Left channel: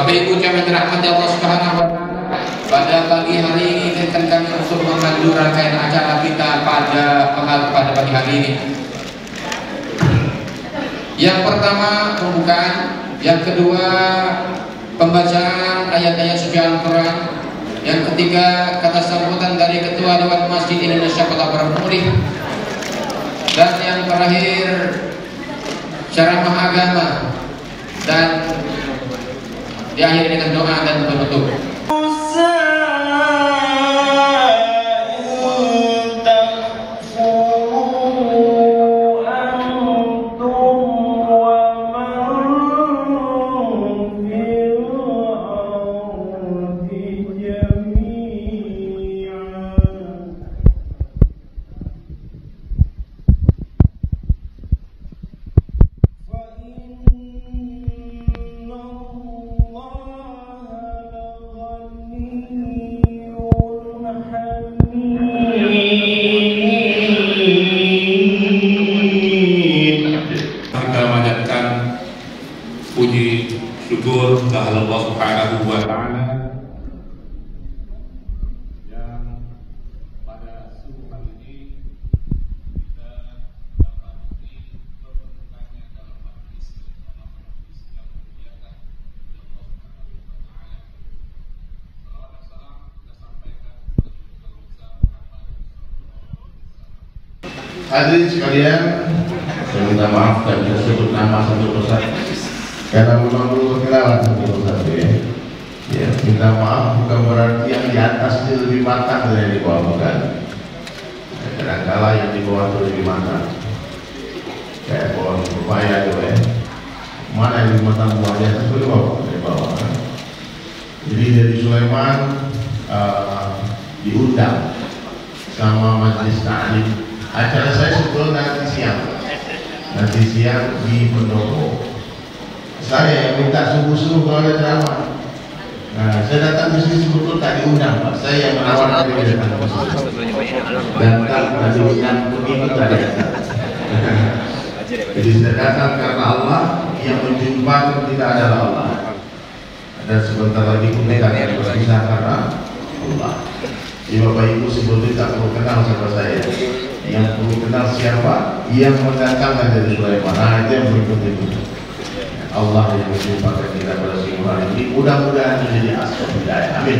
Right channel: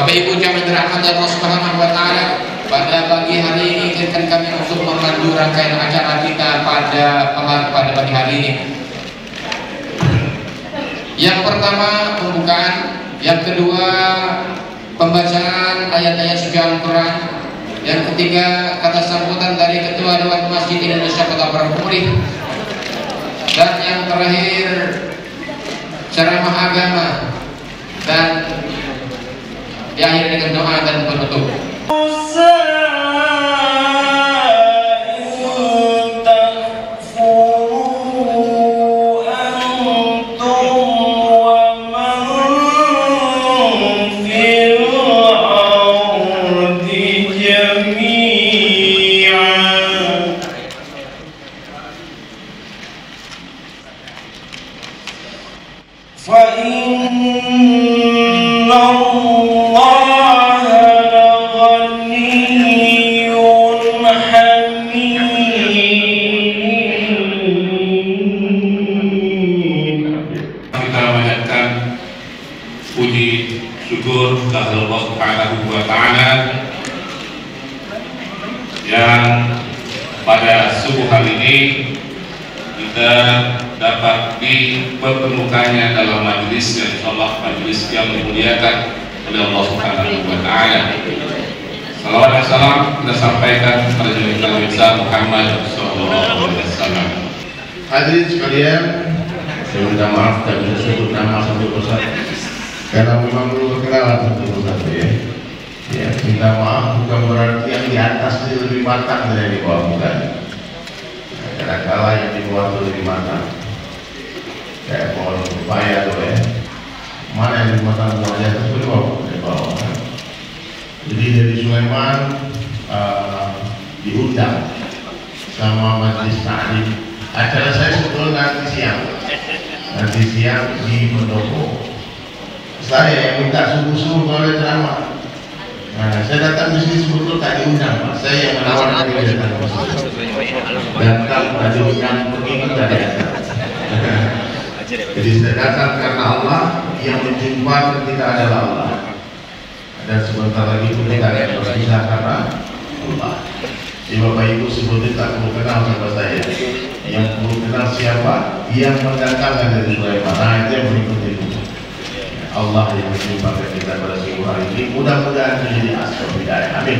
Bapak Ibu kami dirahmati Allah Subhanahu wa taala, pada pagi hari ini izinkan kami untuk memandu rangkaian acara kita pada pagi hari ini. Yang pertama pembukaan, yang kedua pembacaan ayat-ayat suci Al-Quran, yang ketiga kata sambutan dari Ketua Dewan Masjid Indonesia Kota Probolinggo, dan yang terakhir ceramah agama, dan diakhiri dengan doa dan penutup. Puji syukur kepada Allah Subhanahu wa taala yang pada subuh hari ini kita dapat dipertemukannya dalam majelis yang insyaallah majelis yang dimuliakan oleh Allah Subhanahu wa taala. Salawat dan salam kita sampaikan kepada Nabi besar Muhammad sallallahu alaihi wasallam. Hadirin sekalian, saya minta maaf dan bisa sebut nama satu persatu karena memang belum perkenalan satu persatu ya. Ya, minta maaf bukan berarti yang di atas itu lebih matang dari yang di bawah, bukan. Kadang-kala yang di bawah itu lebih matang. Kayak pohon pepaya tuh ya. Mana yang lebih matang, buahnya atas di bawah, di bawah. Jadi dari Sulaiman diundang sama majelis taklim. Acara saya sebetulnya nanti siang di pendopo. Saya yang minta subuh-subuh mulai ceramah. Nah, saya datang di sini sebetulnya tak diundang, Pak. Saya yang menawarkan diri datang. Datang tak diundang, pengingat dari atas. Jadi saya datang karena Allah yang menjumpai kita adalah Allah. Dan sebentar lagi pun kita akan berpisah karena Allah. Jadi Bapak Ibu sebetulnya tak perlu kenal sama saya. Yang perlu kenal siapa? Yang mendatangkan dari Sulaiman. Nah, itu yang berikut itu. Allah yang menjumpai kita pada subuh hari ini. Mudah-mudahan menjadi asbab hidayah. Amin.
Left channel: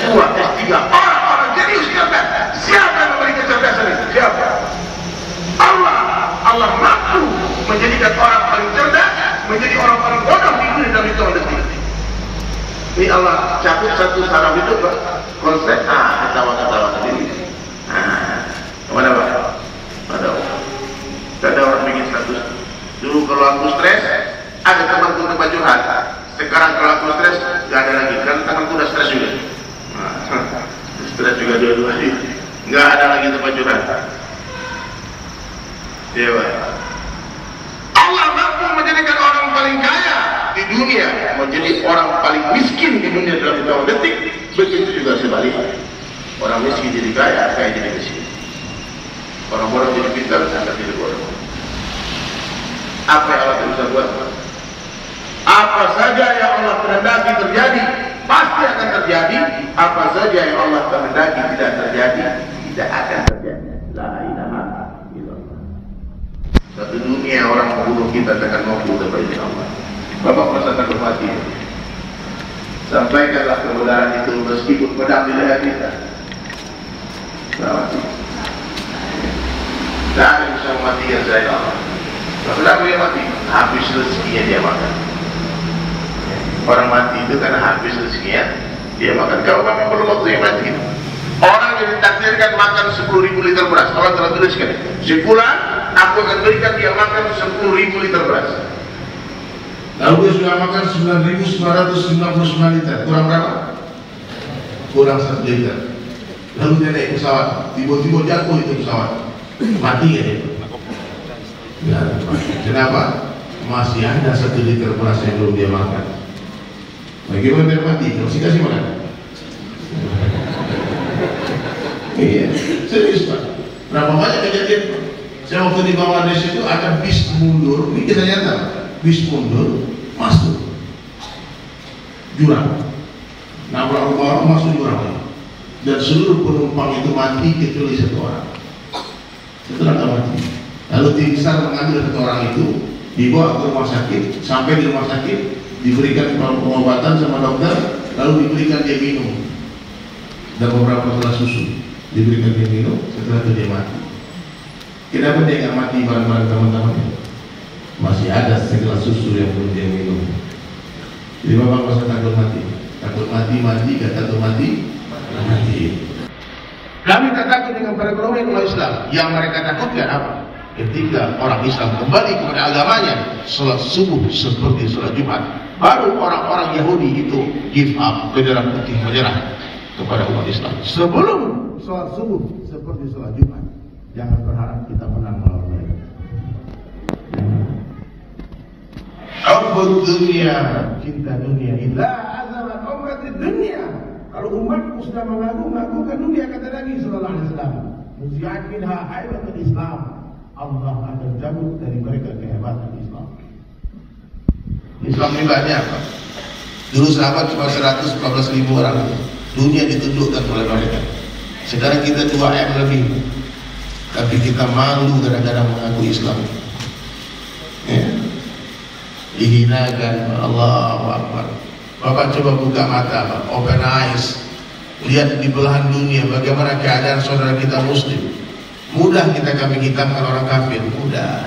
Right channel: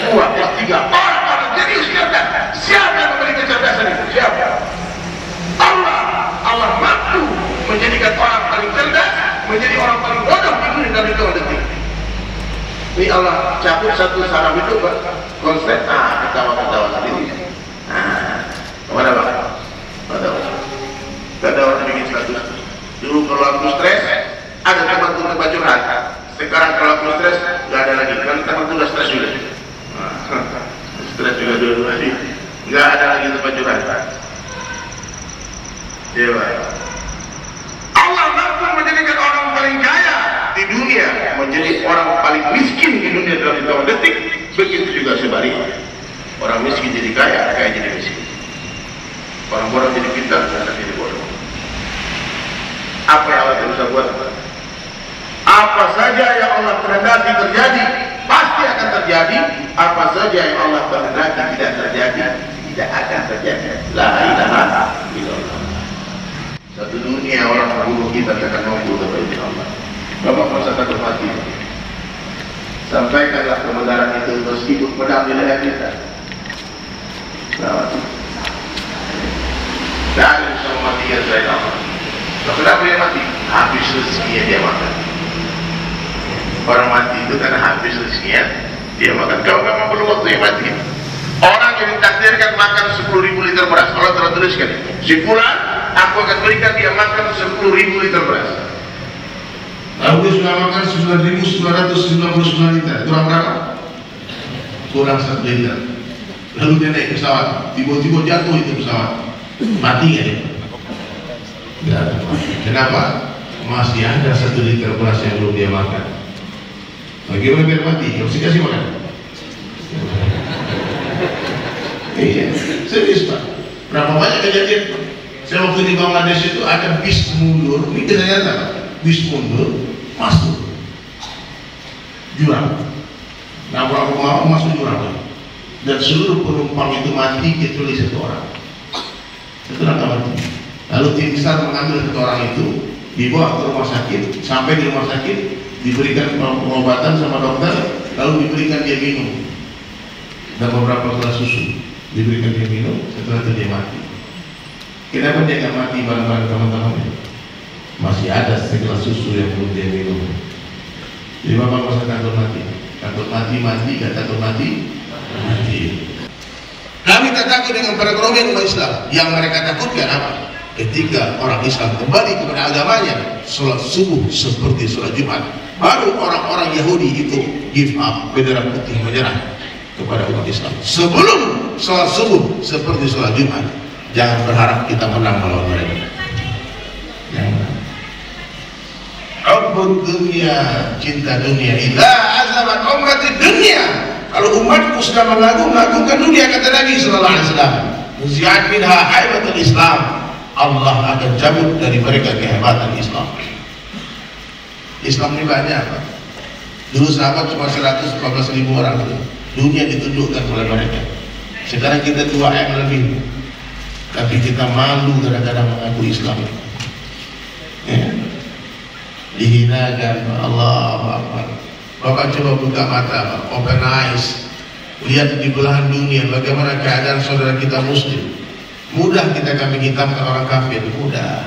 Dua, tiga. Orang-orang jenius cerdas. Siapa yang memberi kecerdasan itu? Siapa? Allah. Allah mampu menjadikan orang paling cerdas menjadi orang paling bodoh di dunia dalam hitungan detik. Ini Allah cabut satu saraf itu, Pak. Konsep, ketawa-ketawa sendiri. Kemana, Pak? Gak ada orang bikin status. Dulu kalau aku stres, ada teman untuk baju rata. Sekarang kalau aku stres, gak ada lagi. Kan teman itu udah stres juga. Stres juga dua-dua. Gak ada lagi tempat curhat. Dewa. Allah mampu menjadikan orang paling kaya di dunia menjadi orang paling miskin di dunia dalam hitungan detik. Begitu juga sebaliknya. Orang miskin jadi kaya, kaya jadi miskin. Orang bodoh jadi pintar, pintar jadi bodoh. Apa yang Allah bisa buat? Apa saja yang Allah kehendaki terjadi pasti akan terjadi. Apa saja yang Allah kehendaki tidak terjadi tidak akan terjadi. La ilaha illallah. Satu dunia orang membunuh kita tekan mampu dapat Allah. Bapak merasa takut mati. Sampaikanlah kebenaran itu meskipun pedang di leher kita. Mati. Tidak ada yang bisa mematikan saya Allah. Kenapa dia mati? Habis rezekinya dia makan. Orang mati itu karena habis rezekinya dia makan. Kalau memang perlu waktu yang mati. Orang yang ditakdirkan makan 10.000 liter beras. Allah telah tuliskan, si fulan aku akan berikan dia makan 10.000 liter beras. Lalu dia sudah makan 9.999 liter. Kurang berapa? Kurang 1 liter. Lalu dia naik pesawat. Tiba-tiba jatuh itu pesawat. Mati ya dia? Ya, kenapa? Masih ada 1 liter beras yang belum dia makan. Bagaimana biar mati? Harus dikasih makan. Iya, serius Pak. Berapa banyak kejadian? Saya waktu di Bangladesh itu ada bis mundur, ini kisah nyata, bis mundur masuk. jurang. Nabrak rumah orang masuk jurang. Dan seluruh penumpang itu mati kecuali satu orang. Satu orang mati. Lalu tim SAR mengambil satu orang itu, dibawa ke rumah sakit. Sampai di rumah sakit diberikan pengobatan sama dokter, lalu diberikan dia minum dan beberapa gelas susu diberikan dia minum. Setelah itu dia mati. Kenapa dia nggak mati bareng-bareng teman-temannya? Masih ada segelas susu yang belum dia minum. Jadi bapak nggak usah takut mati. Takut mati, gak takut mati. Kami tak takut dengan perekonomian umat Islam. Yang mereka takutkan apa? Ketika orang Islam kembali kepada agamanya, sholat subuh seperti sholat Jumat, baru orang-orang Yahudi itu give up, bendera putih menyerah kepada umat Islam. Sebelum sholat subuh seperti sholat Jumat, jangan berharap kita menang melawan mereka. Hubbud dunia, cinta dunia. Idza azamat ummati dunia. Kalau umatku sudah mengagungkan dunia, kata Nabi sallallahu alaihi wasallam, nuzi'at minha haibatul Islam. Allah akan cabut dari mereka kehebatan Islam. Islam ini banyak, Pak. Dulu sahabat cuma 114.000 orang. Dunia ditundukkan oleh mereka. Sekarang kita 2M lebih. Tapi kita malu kadang-kadang mengaku Islam. Ya. Dihinakan, Allahu Akbar. Bapak coba buka mata, Pak. Open eyes. Lihat di belahan dunia bagaimana keadaan saudara kita Muslim. Mudah kita kambing hitamkan orang kafir, mudah.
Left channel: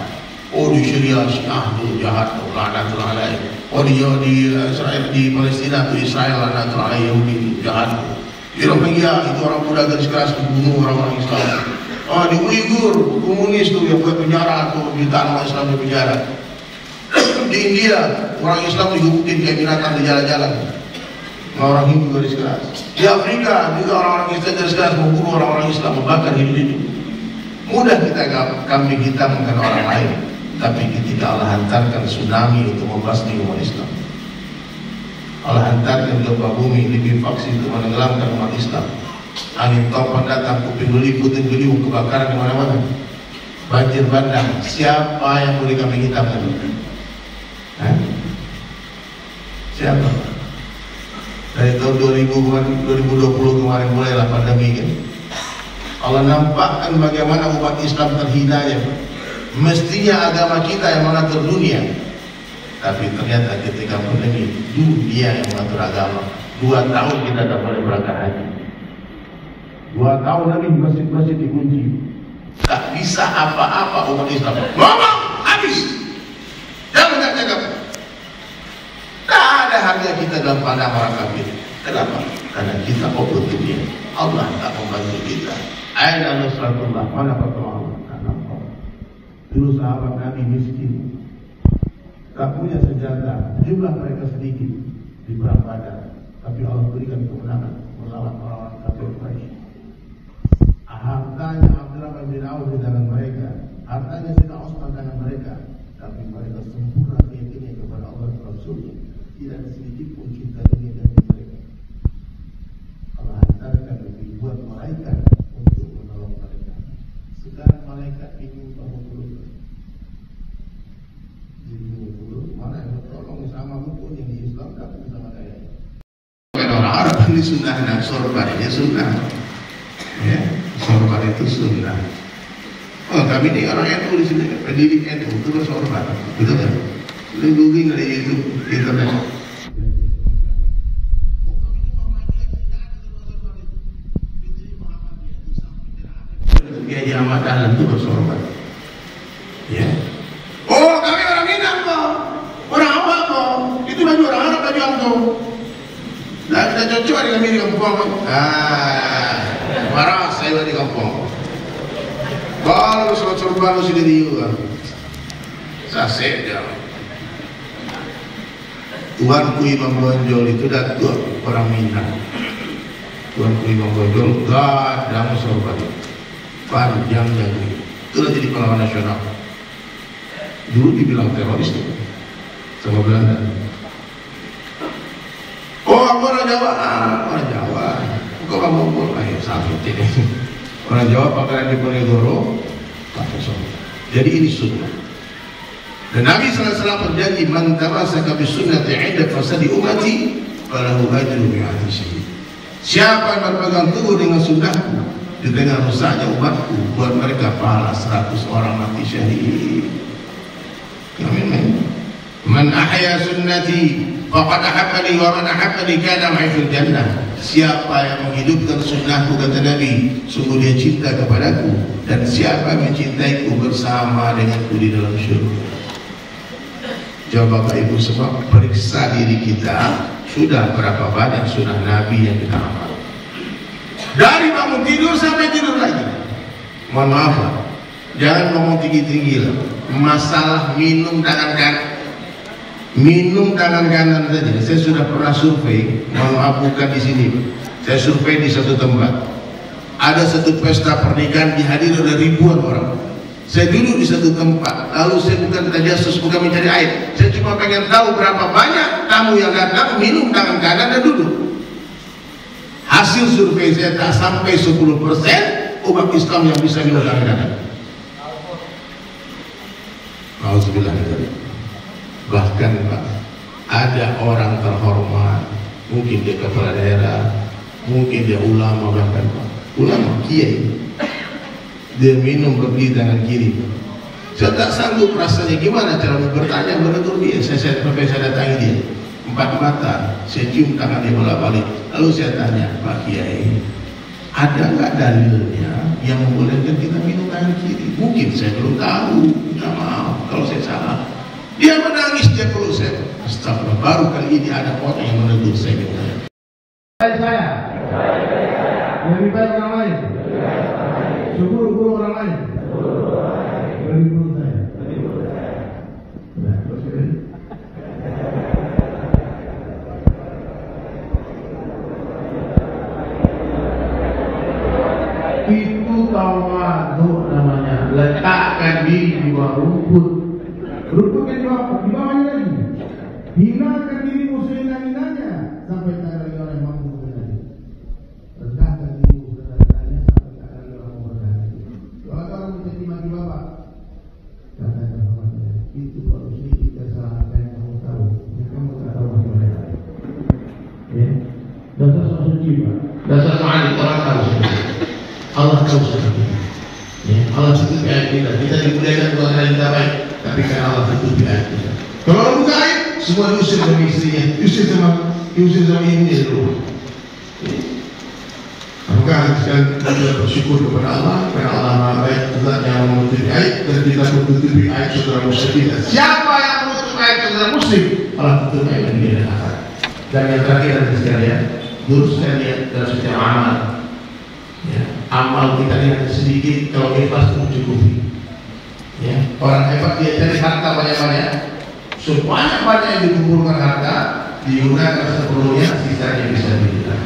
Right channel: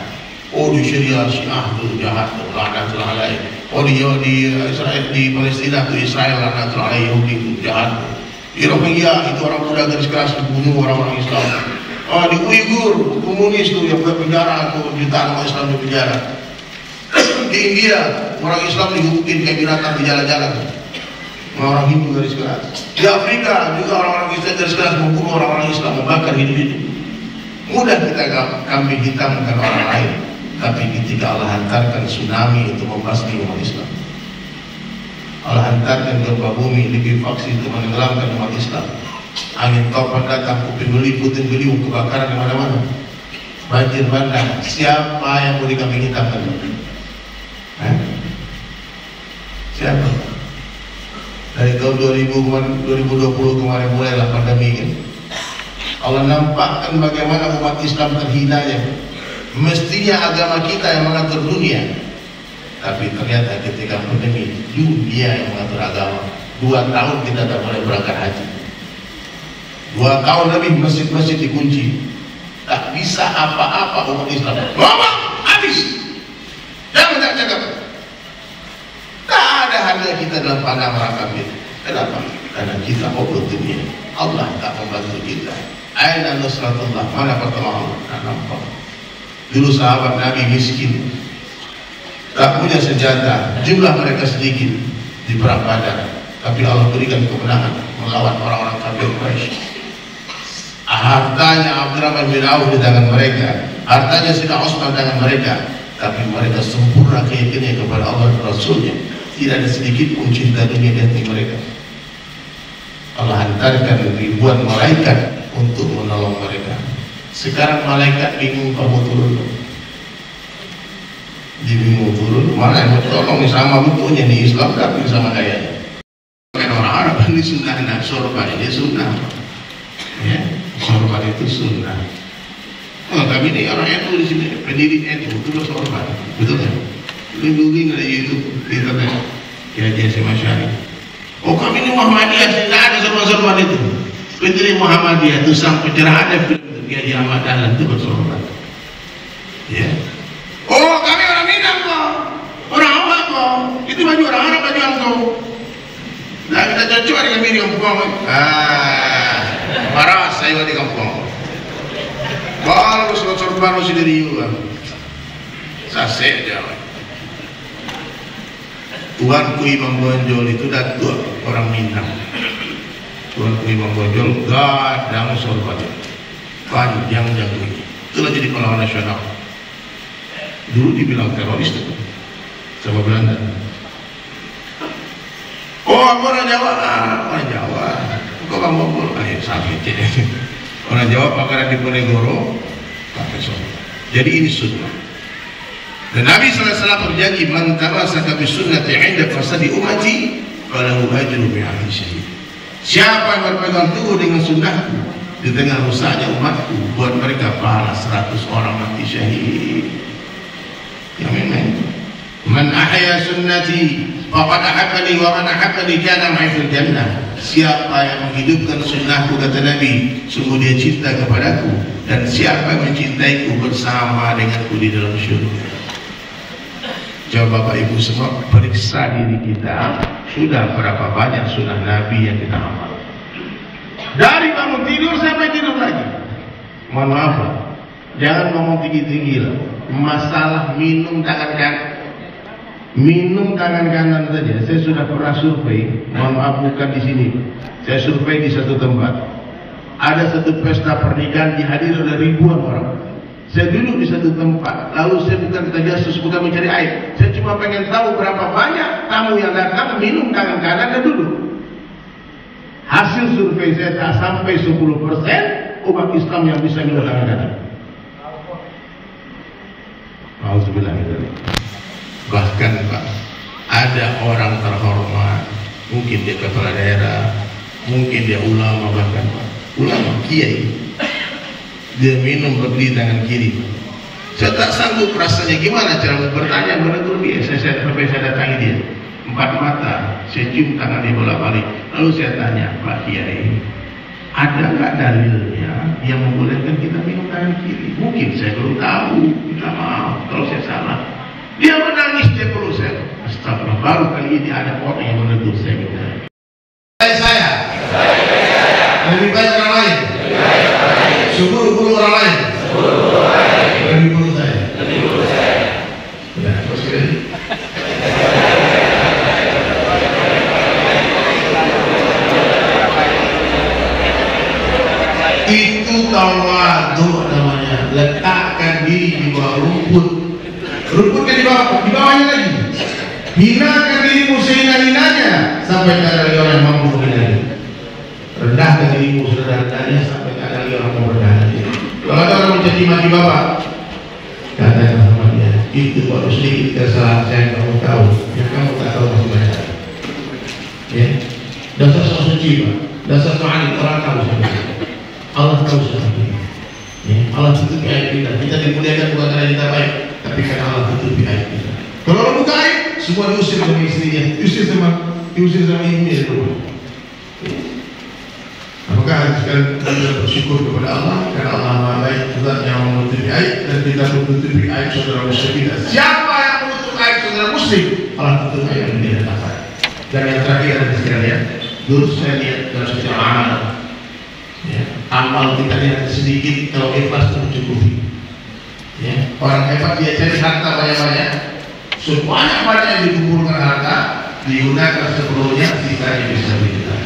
Oh di Syria Syiah itu jahat, lanatul alaih. Oh di Israel, di Palestina itu Israel lanatul alaih, Yahudi itu jahat. Di Rohingya itu orang muda garis keras dibunuh orang-orang Islam. Oh di Uighur komunis itu yang buat penjara tuh jutaan orang Islam di penjara. Di India orang Islam dihukumin kayak binatang di jalan-jalan. Orang Hindu garis keras. Di Afrika juga orang-orang Islam garis keras membunuh orang-orang Islam, membakar hidup-hidup. Mudah kita kambing hitamkan orang lain, tapi ketika Allah hantarkan tsunami itu membasmi umat Islam, Allah hantarkan gempa bumi likuifaksi itu menenggelamkan umat Islam, angin topan datang, kuping beli, puting beliung, kebakaran di mana-mana, banjir bandang. Siapa yang boleh kambing hitamkan? Siapa? Dari tahun 2020 kemarin mulailah pandemi kan. Allah nampakkan bagaimana umat Islam terhina ya. Mestinya agama kita yang mengatur dunia, tapi ternyata ketika pandemi dunia yang mengatur agama. 2 tahun kita tak boleh berangkat haji. 2 tahun lebih masjid-masjid dikunci. Tak bisa apa-apa umat Islam. Ngomong habis. Jangan cakap. Tak ada harga kita dalam pandang orang kafir. Kenapa? Karena kita hubbud dunia. Allah tak membantu kita. Aina nusratullah, mana pertolongan? Tak nampak. Dulu sahabat Nabi miskin, tak punya senjata, jumlah mereka sedikit di perang Badar, tapi Allah berikan kemenangan melawan orang-orang kafir Quraisy. Hartanya Abdurrahman bin Auf di tangan mereka, hartanya Sayyidina Utsman di tangan mereka, tapi mereka sempurna keyakinannya kepada Allah dan Rasulnya. Tidak ada sedikit pun cinta dunia di hati mereka. Allah hantarkan ribuan malaikat untuk menolong mereka. Sekarang malaikat bingung kamu turun. Dia bingung turun. Mana yang mau tolong sama bentuknya di Islam tapi sama gayanya. Karena orang Arab ini sunnah, sorban ini sunnah. Ya, sorban itu sunnah. Oh, kami ini orang NU di sini, pendiri NU itu bersorban, betul kan? Googling ada YouTube, internet, Kiai Syari. Oh kami ini Muhammadiyah, tidak ada sorban-sorban itu. Pendiri Muhammadiyah itu sang pencerahan Kiai Ahmad Dahlan itu bersorban. Ya. Oh kami orang Minang kok, orang awak kok, itu baju orang Arab baju angkau. Nah kita cocok dengan kami di kampung. Marah saya di kampung. Kalau sorban lu sendiri juga, sasek jalan. Tuanku Imam Bonjol itu datuk orang Minang. Tuanku Imam Bonjol gadang sorban panjang jangkrik. Itulah jadi pahlawan nasional. Dulu dibilang teroris tuh sama Belanda. Oh aku orang Jawa, orang Jawa. Kok kamu Bogor? Sakit ya. Orang Jawa pakaian di Ponegoro pakai sorban. Jadi ini sunnah. Dan Nabi SAW berjanji, man tamasaka bisunnati 'inda fasadi ummati falahu ajru mi'ati syahid. Siapa yang berpegang teguh dengan sunnahku di tengah rusaknya umatku, buat mereka pahala 100 orang mati syahid. Amin. Man ahya sunnati faqad ahabbani wa man ahabbani kana ma'i fil jannah. Siapa yang menghidupkan sunnahku, kata Nabi, sungguh dia cinta kepadaku, dan siapa yang mencintaiku bersama denganku di dalam syurga. Coba Bapak Ibu semua periksa diri kita, sudah berapa banyak sunnah Nabi yang kita amal. Dari bangun tidur sampai tidur lagi. Mohon maaf Pak, jangan ngomong tinggi-tinggi lah. Masalah minum tangan kanan saja. Saya sudah pernah survei, mohon maaf bukan di sini Pak. Saya survei di satu tempat. Ada satu pesta pernikahan dihadiri oleh ribuan orang. Saya duduk di satu tempat, lalu saya bukan tajasus, bukan mencari aib. Saya cuma pengen tahu berapa banyak tamu yang datang minum tangan kanan dan duduk. Hasil survei saya tak sampai 10% umat Islam yang bisa minum tangan kanan. Alhamdulillah. Bahkan Pak, ada orang terhormat, mungkin dia kepala daerah, mungkin dia ulama, bahkan Pak, ulama kiai, dia minum berdiri tangan kiri Pak. Saya tak sanggup rasanya gimana cara bertanya, menegur dia. Saya datangi dia, 4 mata, saya cium tangan dia bolak-balik, lalu saya tanya, Pak Kiai, ada nggak dalilnya yang membolehkan kita minum tangan kiri? Mungkin saya belum tahu, minta maaf kalau saya salah. Dia menangis, dia peluk saya. Astagfirullah, baru kali ini ada orang yang menegur saya. Saya lebih baik orang lain, seburuk-buruk orang lain, lebih buruk saya. Ya, terus kira-kira itu tawadu namanya. Letakkan diri di bawah rumput. Rumput kan di bawahnya lagi. Hinakan dirimu sehina-hinanya sampai tak ada lagi orang yang mampu menghina. Rendahkan dirimu serendah-rendahnya sampai tak ada lagi orang yang merendah. Kalau ada orang mencaci maki bapak, katakan sama dia, itu baru sedikit kesalahan saya yang kamu tahu, yang kamu tak tahu masih banyak. Ya, dasar sok suci Pak, dasar soal orang tahu sebenarnya. Allah tahu sebenarnya. Ya, Allah tutupi aib kita dimuliakan bukan karena kita baik, tapi karena Allah tutupi aib kita. Kalau orang buka aib, semua diusir sama istrinya, diusir sama ibunya di rumah. Maka kita bersyukur kepada Allah karena Allah Maha Baik, Tuhan yang menutupi aib, dan kita menutupi aib saudara muslim kita. Siapa yang menutup aib saudara muslim, Allah tutup aib dan dia akan. Dan yang terakhir sekalian, dulu saya lihat dalam setiap amal, ya, amal kita lihat sedikit, kalau ikhlas mencukupi. Ya, orang hebat dia cari harta banyak-banyak, sebanyak-banyak yang dikumpulkan harta digunakan sepenuhnya, sisanya bisa digunakan.